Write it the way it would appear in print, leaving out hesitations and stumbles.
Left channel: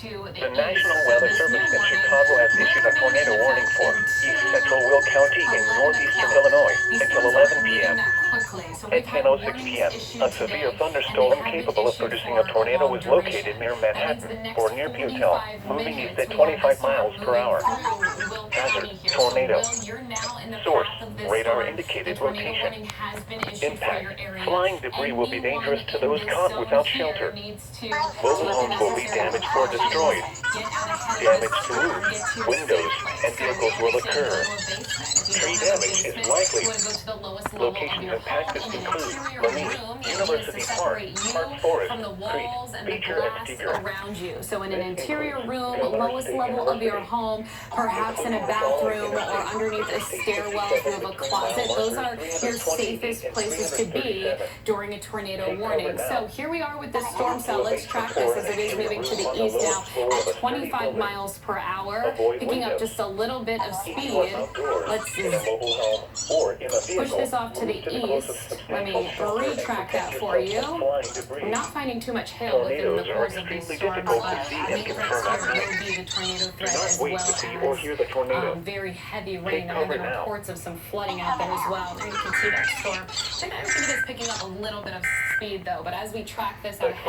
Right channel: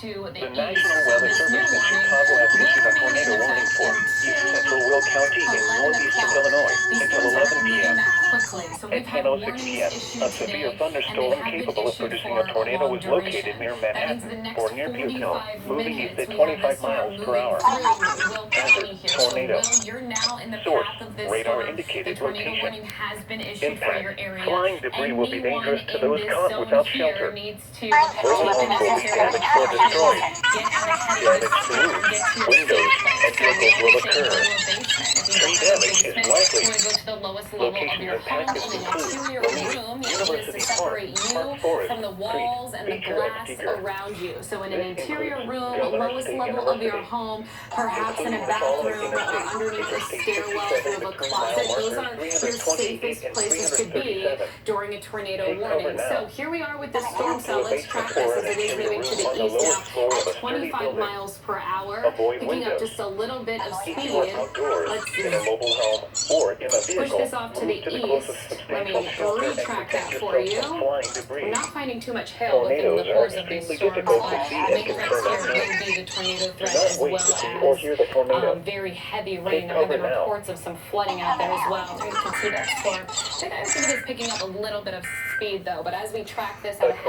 to The the National east. Weather Service in Chicago has issued a tornado warning for East Central Will County in northeastern Illinois until 11 p.m. At 10:06 p.m., a severe thunderstorm capable of producing a tornado was located near Manhattan or near Butell, moving east at 25 miles per hour. Hazard: tornado. Source: radar-indicated rotation. Impact: flying debris will be dangerous to those caught without shelter. Mobile homes will be damaged or destroyed. Damage to roofs, windows, and vehicles will occur. Tree damage is likely. Locations impacted include Lanier, University Park, Park Forest, Crete, Beecher, and Steger. Around you. So in an interior room, lowest level of your home, perhaps in a bathroom or underneath a stairwell if you have a closet. Those are your safest places to be during a tornado warning. So here we are with this storm cell. Let's track this as it is moving to the east now at 25 miles per hour, picking up just a little bit of speed. Let's push this off to the east. Let me retrack that for you. I'm not finding too much hail within the course of these storms, but make it will be the tornado threat as well as very heavy rain. There have been reports of some flooding out there as well. There you can see that storm. I think it's picking up a little bit of speed though, but as we track this out ahead of